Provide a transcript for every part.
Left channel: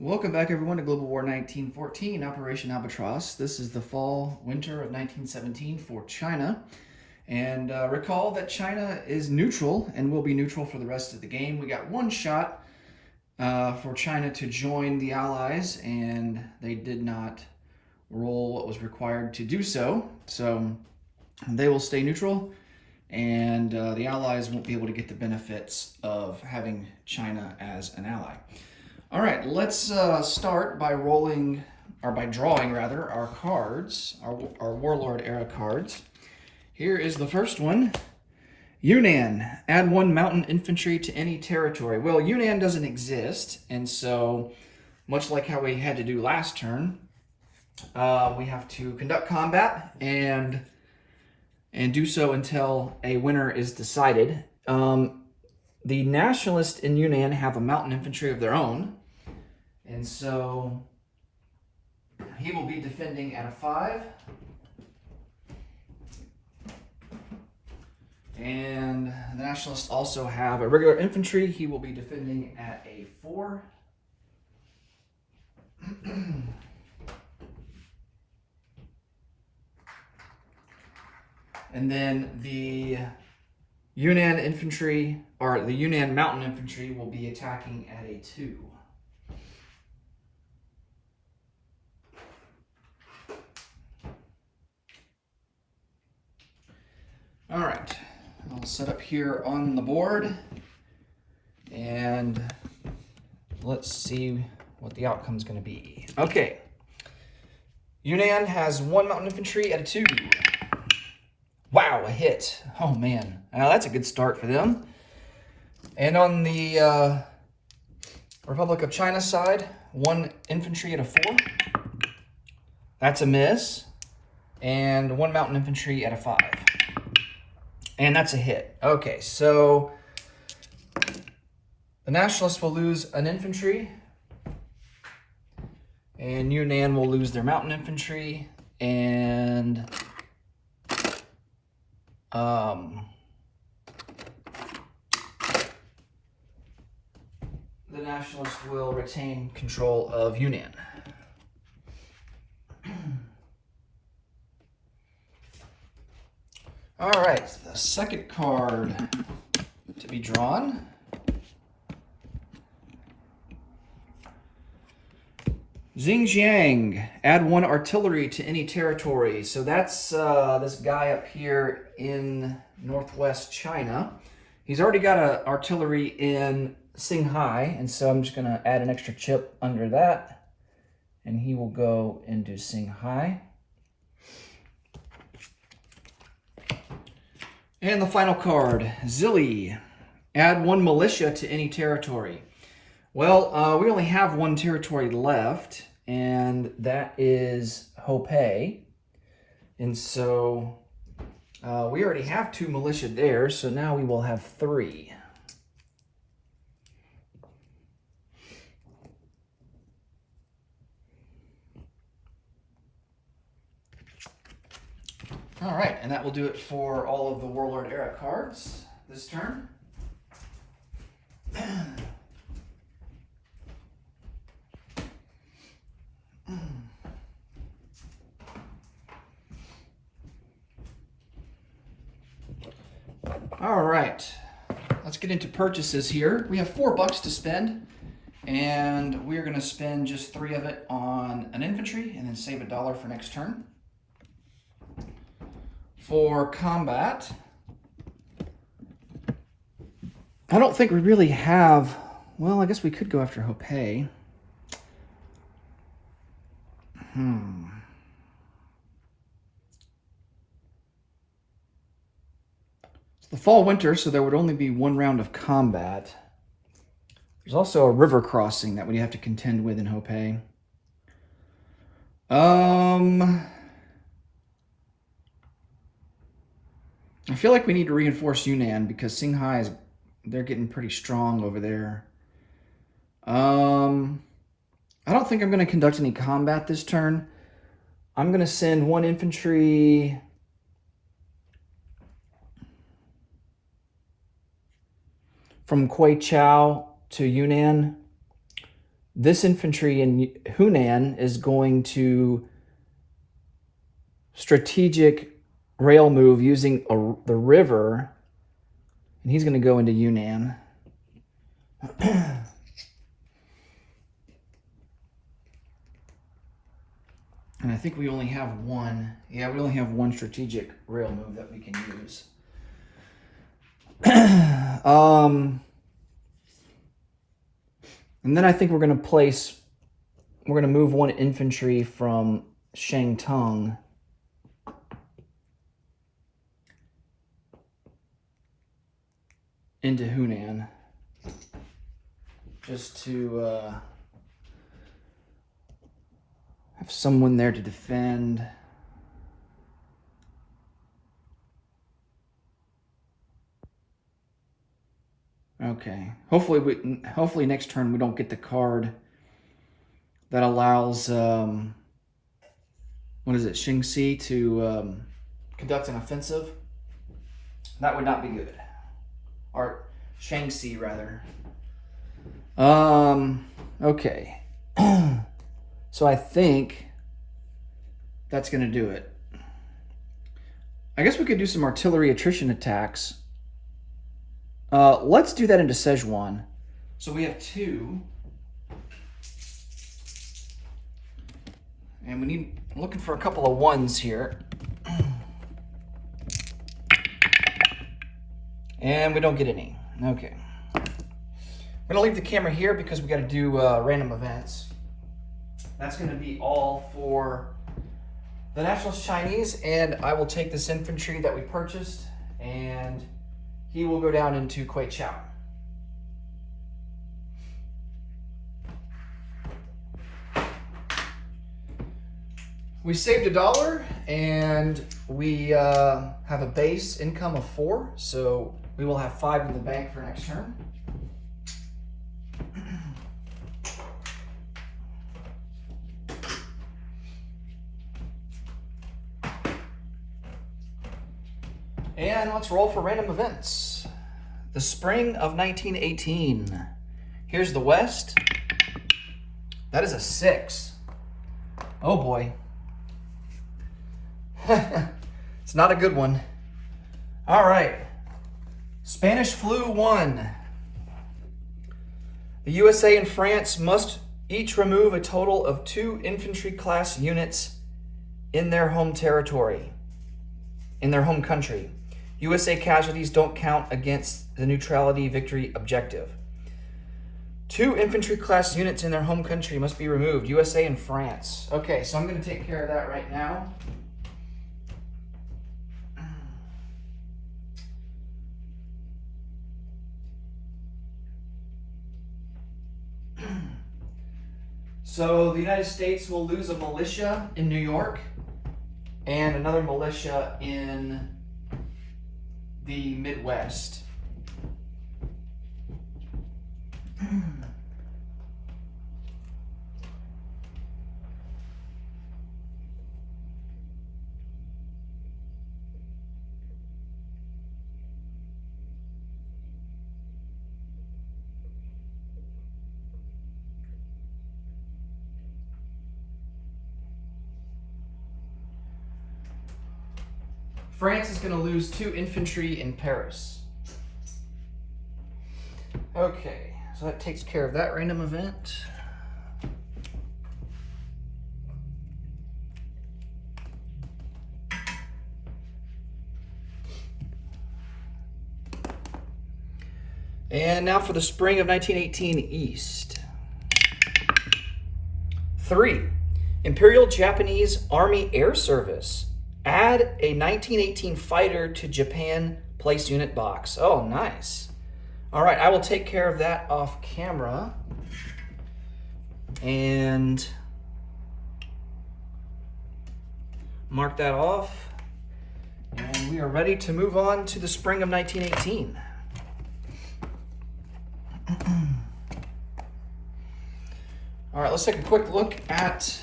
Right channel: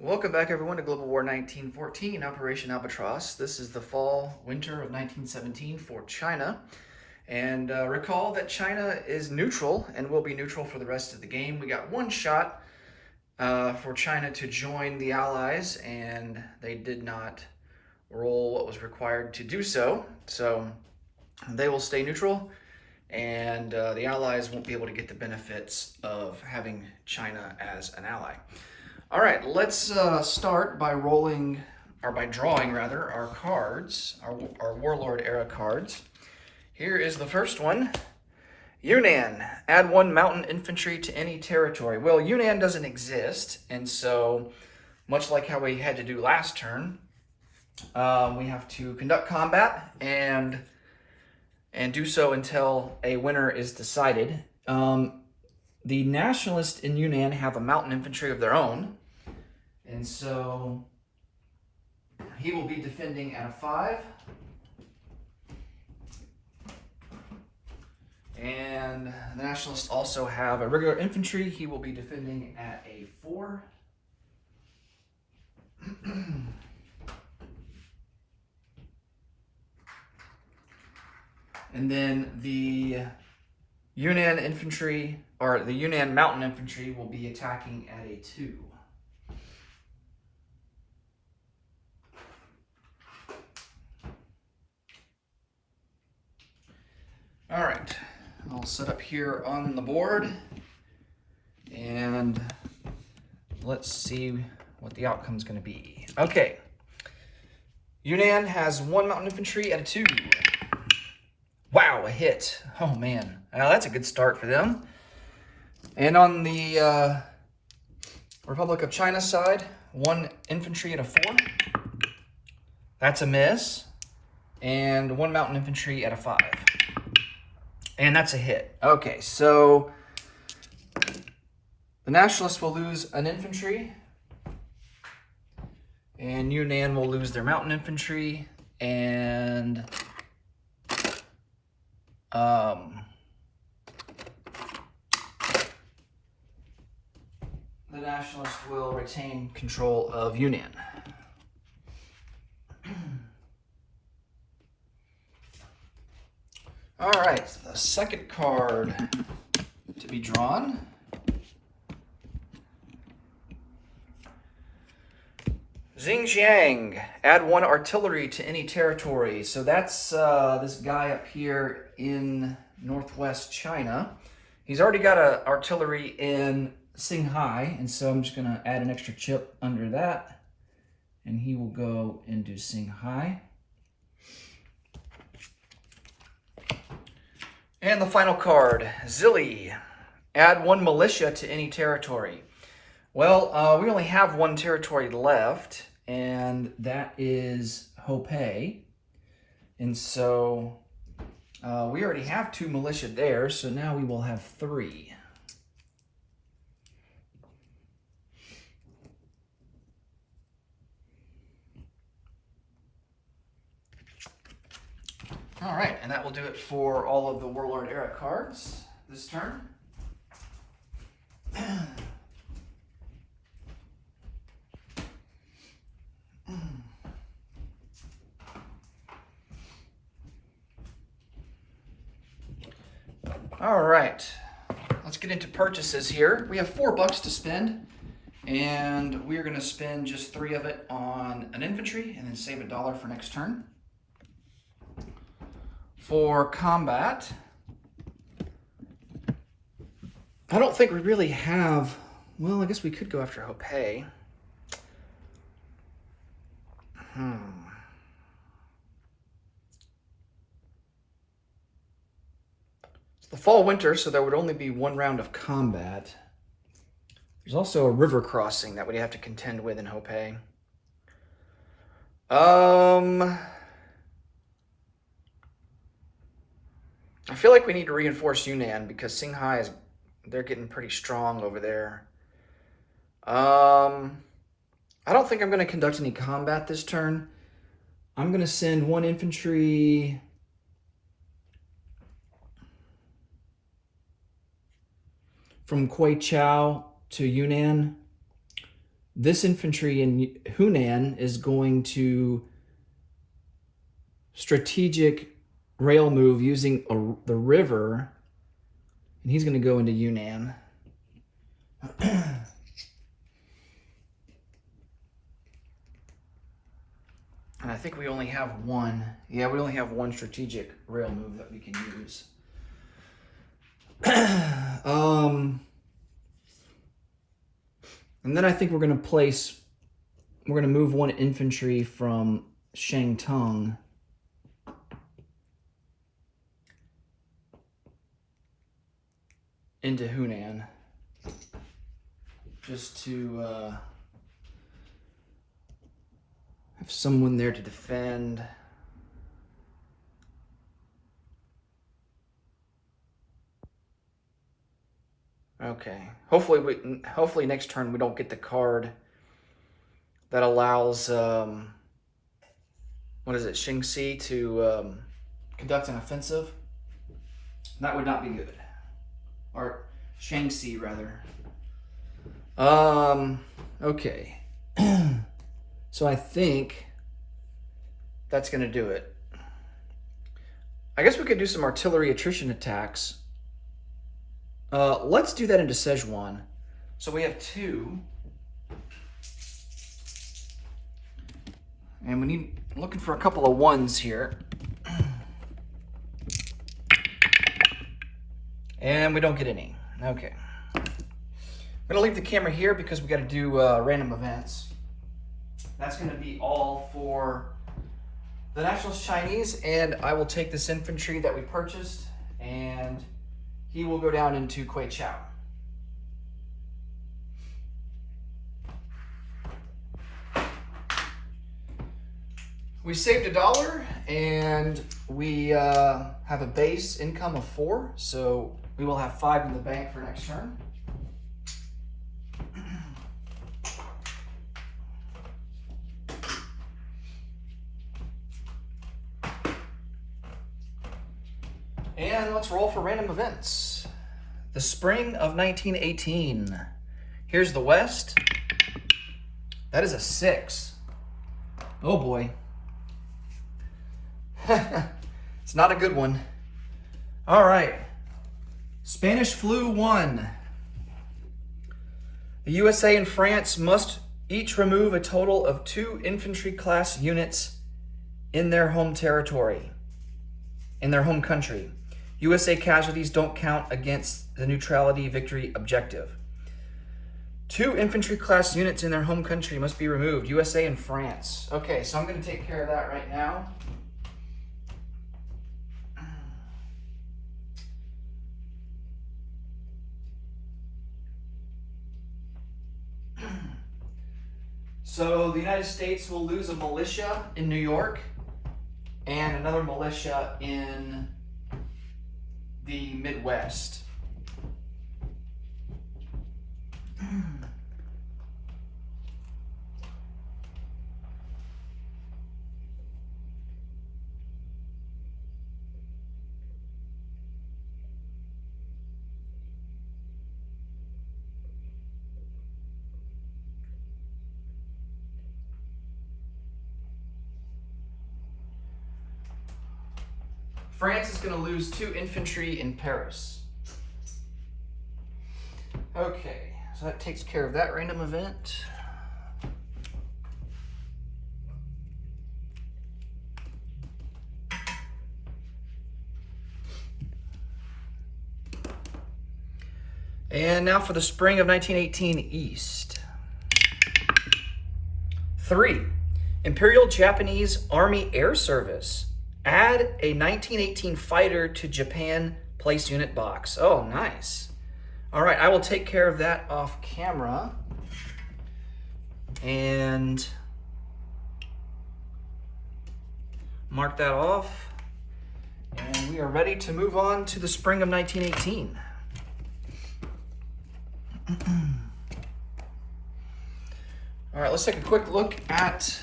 Welcome back, everyone, to Global War 1914, Operation Albatross. This is the fall-winter of 1917 for China. And recall that China is neutral and will be neutral for the rest of the game. We got one shot for China to join the Allies, and they did not roll what was required to do so. So they will stay neutral, and the Allies won't be able to get the benefits of having China as an ally. All right, let's start by drawing our cards, our Warlord era cards. Here is the first one. Yunnan, add 1 mountain infantry to any territory. Well, Yunnan doesn't exist, and so much like how we had to do last turn, we have to conduct combat and do so until a winner is decided. The nationalists in Yunnan have a mountain infantry of their own, and so he will be defending at a 5. And the nationalists also have a regular infantry. He will be defending at a 4. And then the Yunnan infantry, or the Yunnan mountain infantry, will be attacking at a 2. All right, I'll set up here on the board, and let's see what the outcome is going to be. Okay, Yunnan has 1 mountain infantry at a 2. Wow, a hit. Oh man, now that's a good start for them. And on the Republic of China side, 1 infantry at a 4. That's a miss. And 1 mountain infantry at a 5. And that's a hit. Okay, so the nationalists will lose an infantry, and Yunnan will lose their mountain infantry, and the nationalists will retain control of Yunnan. All right, the second card to be drawn. Xinjiang, add 1 artillery to any territory. So that's this guy up here in northwest China. He's already got artillery in Qinghai, and so I'm just gonna add an extra chip under that, and he will go into Qinghai. And the final card, Zili, add 1 militia to any territory. Well, we only have 1 territory left, and that is Hopei. And so we already have 2 militia there, so now we will have 3. All right, and that will do it for all of the Warlord era cards this turn. All right, let's get into purchases here. We have $4 to spend, and we're going to spend just 3 of it on an infantry and then save $1 for next turn. For combat, I don't think we really have, well, I guess we could go after Hopei. It's the fall-winter, so there would only be 1 round of combat. There's also a river crossing that we'd have to contend with in Hopei. I feel like we need to reinforce Yunnan because Qinghai they're getting pretty strong over there. I don't think I'm going to conduct any combat this turn. I'm going to send 1 infantry from Kuichao to Yunnan. this infantry in Hunan is going to strategic rail move using the river, and he's going to go into Yunnan. And I think we only have one. Yeah, we only have one strategic rail move that we can use. And then I think we're going to move one infantry from Shangtung into Hunan, just to have someone there to defend. Okay. Hopefully next turn we don't get the card that allows what is it, Xingxi to conduct an offensive. That would not be good. Or Shangxi rather. Okay. So I think that's going to do it. I guess we could do some artillery attrition attacks. Let's do that into Szechuan. So we have 2. And we're looking for a couple of 1s here. And we don't get any. Okay. I'm going to leave the camera here because we got to do random events. That's going to be all for the Nationalist Chinese, and I will take this infantry that we purchased, and he will go down into Kweichow. We saved $1, and we have a base income of 4, so we will have 5 in the bank for next turn. And let's roll for random events. The spring of 1918. Here's the West. That is a 6. Oh boy. It's not a good one. All right. Spanish flu 1. The USA and France must each remove a total of 2 infantry class units in their home territory, in their home country. USA casualties don't count against the neutrality victory objective. 2 infantry class units in their home country must be removed, USA and France. Okay, so I'm going to take care of that right now. So the United States will lose a militia in New York and another militia in the Midwest. France is going to lose 2 infantry in Paris. Okay, so that takes care of that random event. And now for the spring of 1918 East. 3. Imperial Japanese Army Air Service. Add a 1918 fighter to Japan place unit box. Oh, nice. All right, I will take care of that off camera. And mark that off. And we are ready to move on to the spring of 1918. All right, let's take a quick look at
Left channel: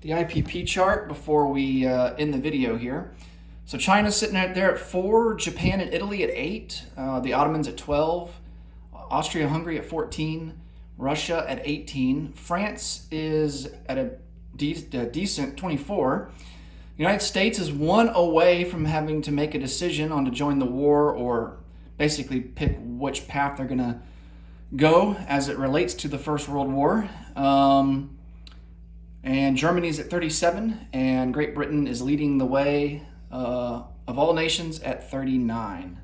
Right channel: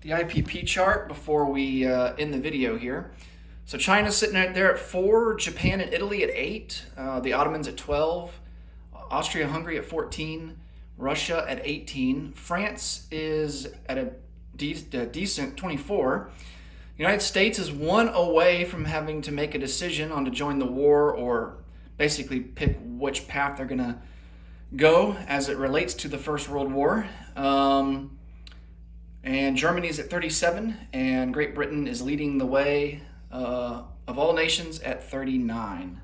the IPP chart before we end the video here. So China's sitting right there at 4, Japan and Italy at 8, the Ottomans at 12, Austria-Hungary at 14, Russia at 18. France is at a decent 24. United States is 1 away from having to make a decision on to join the war or basically pick which path they're going to go as it relates to the First World War. And Germany is at 37, and Great Britain is leading the way of all nations at 39.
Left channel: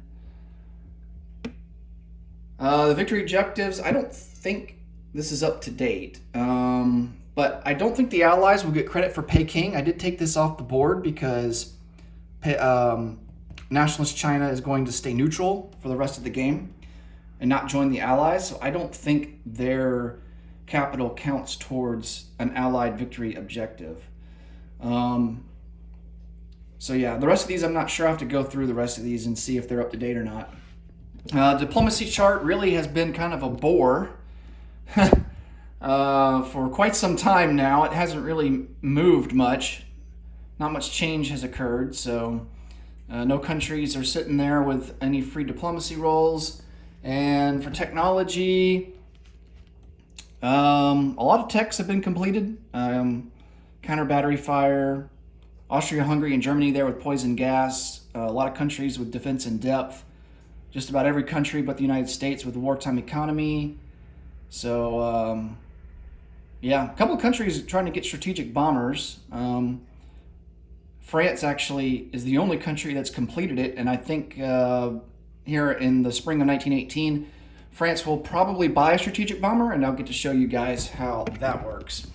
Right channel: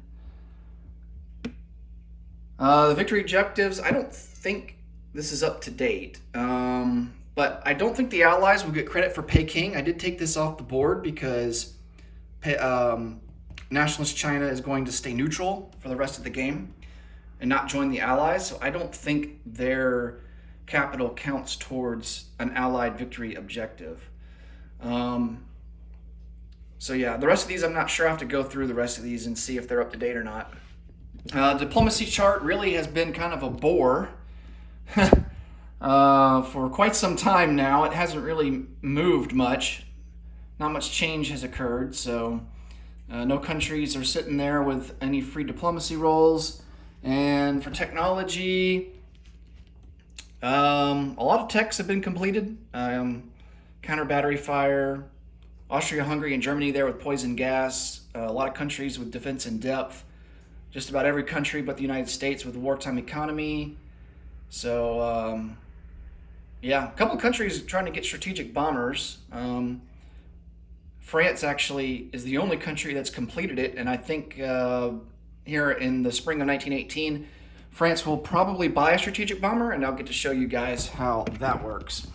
The victory objectives, I don't think this is up to date, but I don't think the Allies will get credit for Peking. I did take this off the board because Nationalist China is going to stay neutral for the rest of the game and not join the Allies, so I don't think their capital counts towards an Allied victory objective. So yeah, the rest of these I'm not sure. I have to go through the rest of these and see if they're up to date or not. Diplomacy chart really has been kind of a bore for quite some time now. It hasn't really moved much. Not much change has occurred, so no countries are sitting there with any free diplomacy roles. And for technology, a lot of techs have been completed. Counter battery fire, Austria, Hungary, and Germany there with poison gas. A lot of countries with defense in depth. Just about every country but the United States with a wartime economy. So, yeah, a couple of countries trying to get strategic bombers. France actually is the only country that's completed it, and I think here in the spring of 1918, France will probably buy a strategic bomber, and I'll get to show you guys how that works.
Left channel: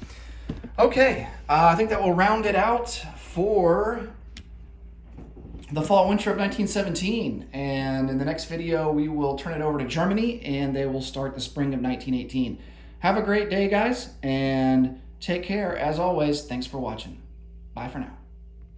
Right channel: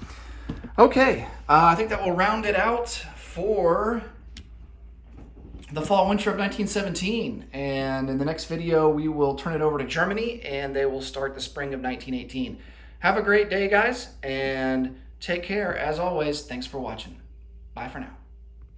Okay, I think that will round it out for the fall-winter of 1917, and in the next video we will turn it over to Germany, and they will start the spring of 1918. Have a great day, guys, and take care. As always, thanks for watching. Bye for now.